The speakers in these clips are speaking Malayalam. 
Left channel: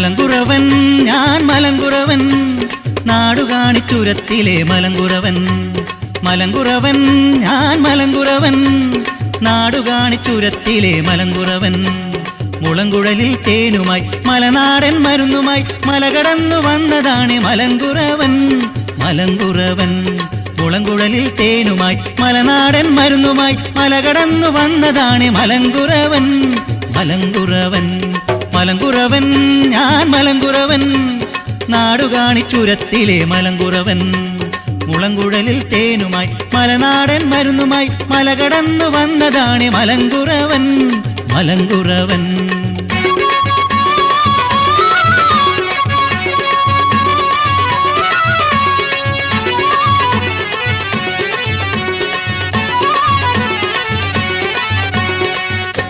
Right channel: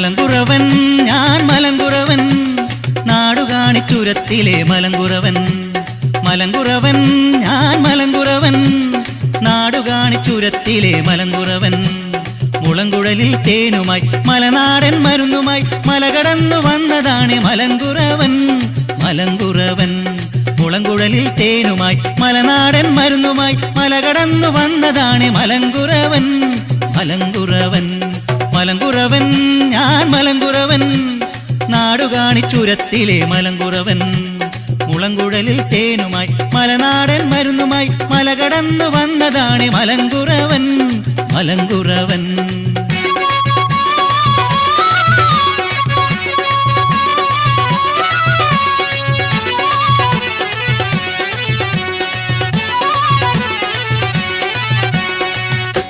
മലങ്കുറവൻ ഞാൻ മലങ്കുറവൻ നാടുകാണിച്ചുരത്തിലെ മലങ്കുറവൻ. മലങ്കുറവൻ ഞാൻ മലങ്കുറവൻ നാടുകാണിച്ചുരത്തിലെ മലങ്കുറവൻ. മുളങ്കുഴലിൽ തേനുമായി മലനാടൻ മരുന്നുമായി മലകടന്നു വന്നതാണ് മലങ്കുറവൻ. മലങ്കുറവൻ മുളങ്കുഴലിൽ തേനുമായി മലനാടൻ മരുന്നുമായി മലകടന്നു വന്നതാണ് മലങ്കുറവൻ. മലങ്കുറവൻ മലങ്കുറവൻ ഞാൻ മലങ്കുറവൻ നാടുകാണിച്ചുരത്തിലെ മലങ്കുറവൻ. മുളങ്കുഴലിൽ തേനുമായി മലനാടൻ മരുന്നുമായി മലകടന്നു വന്നതാണ് മലങ്കുറവൻ. മലങ്കുറവൻ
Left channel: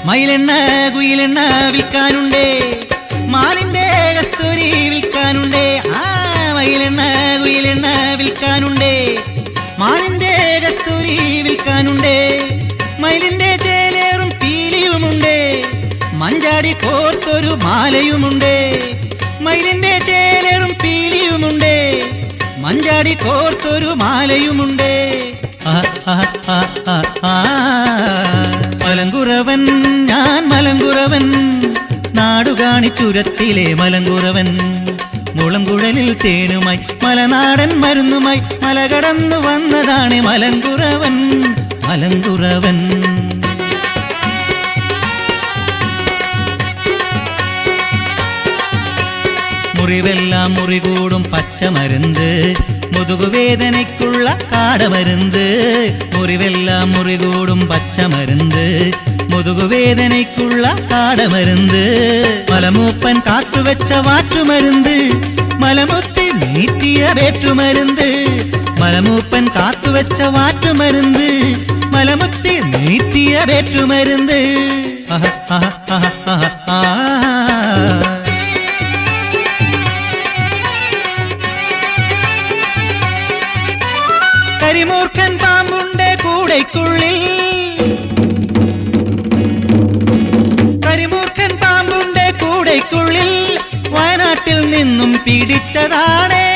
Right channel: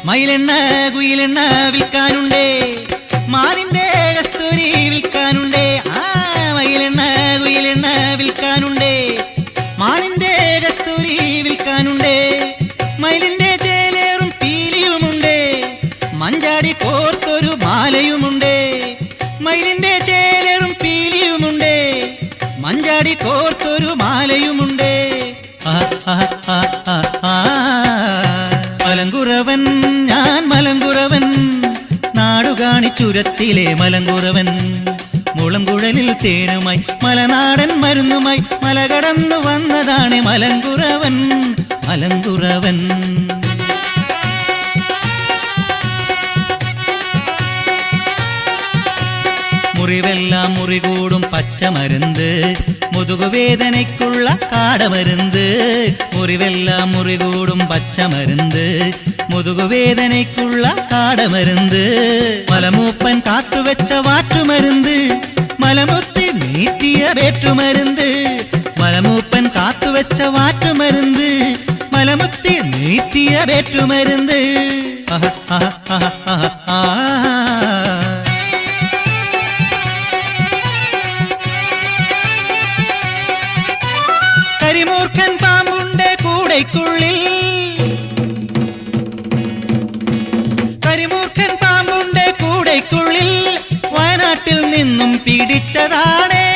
മയിലെണ്ണ കുയിലെണ്ണ വിൽക്കാനുണ്ടേ, മാനിന്റെ കസ്തൂരി വിൽക്കാനുണ്ടേ. മയിലെണ്ണ കുയിലെണ്ണ വിൽക്കാനുണ്ടേ, മാനിന്റെ കസ്തൂരി വിൽക്കാനുണ്ടേ. മയിലിന്റെ ചേലേറും പീലിയുമുണ്ടേ, മഞ്ചാടി കോർത്തൊരു മാലയുമുണ്ടേ. മയിലിന്റെ ചേലേറും പീലിയുമുണ്ടേ, മഞ്ചാടി കോർത്തൊരു മാലയുമുണ്ടേ. മലങ്കുറവൻ ഞാൻ മലങ്കുറവൻ നാടുകാണിച്ചുരത്തിലെ മലങ്കുറവൻ. മുളങ്കുഴലിൽ തേനുമായി മലനാടൻ മരുന്നുമായി മലകടന്നു വന്നതാണ് മലങ്കുറവൻ. മലങ്കുറവൻ മുറിവെല്ലാം മുറികൂടും പച്ചമരുന്ന്, മുതുകുവേദനയ്ക്കുള്ള കാടമരുന്ന്. മുറിവെല്ലാം മുറികൂടും പച്ചമരുന്ന്, മുതുകുവേദനയ്ക്കുള്ള കാടമരുന്ന്. മലമൂപ്പൻ കാത്തുവെച്ച വാറ്റുമരുന്ന്, മലമുത്തി നീട്ടിയ വേറ്റുമരുന്ന്. മലമൂപ്പൻ കാത്തുവെച്ച വാറ്റുമരുന്ന്, മലമുത്തി നീട്ടിയ വേറ്റുമരുന്ന്. കരിമൂർഖൻ പാമ്പുണ്ട് കൂടയ്ക്കുള്ളിൽ, കരിമൂർഖൻ പാമ്പുണ്ട് കൂടയ്ക്കുള്ളിൽ, വയനാട്ടിൽ നിന്നും പിടിച്ചതാണേ.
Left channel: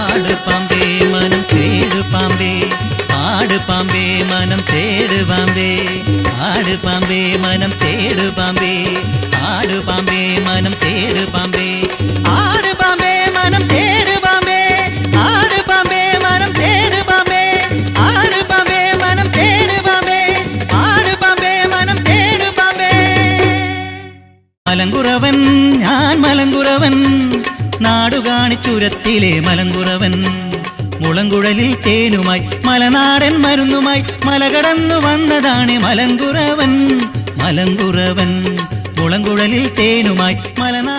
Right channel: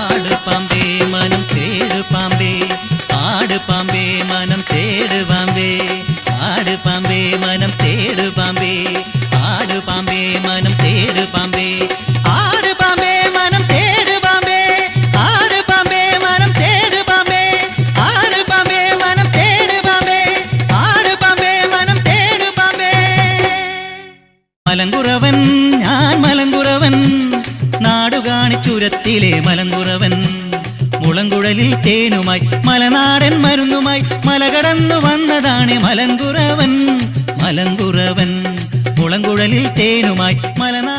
ആട് പാമ്പേ മനം തേട് പാമ്പേ, ആട് പാമ്പേ മനം തേട് പാമ്പേ. ആട് പാമ്പേ മനം തേട് പാമ്പേ, ആട് പാമ്പേ മനം തേട് പാമ്പേ. ആട് പാമ്പേ മനം തേട് പാമ്പേ, ആട് പാമ്പേ മനം തേട് പാമ്പേ. ആട് പാമ്പേ മനം തേട് പാമ്പേ, ആട് പാമ്പേ മനം തേട് പാമ്പേ. മലങ്കുറവൻ ഞാൻ മലങ്കുറവൻ നാടുകാണിച്ചുരത്തിലെ മലങ്കുറവൻ. മുളങ്കുഴലിൽ തേനുമായി മലനാടൻ മരുന്നുമായി മലകടന്നു വന്നതാണ് മലങ്കുറവൻ. മലങ്കുറവൻ മുളങ്കുഴലിൽ തേനുമായി മലനാടൻ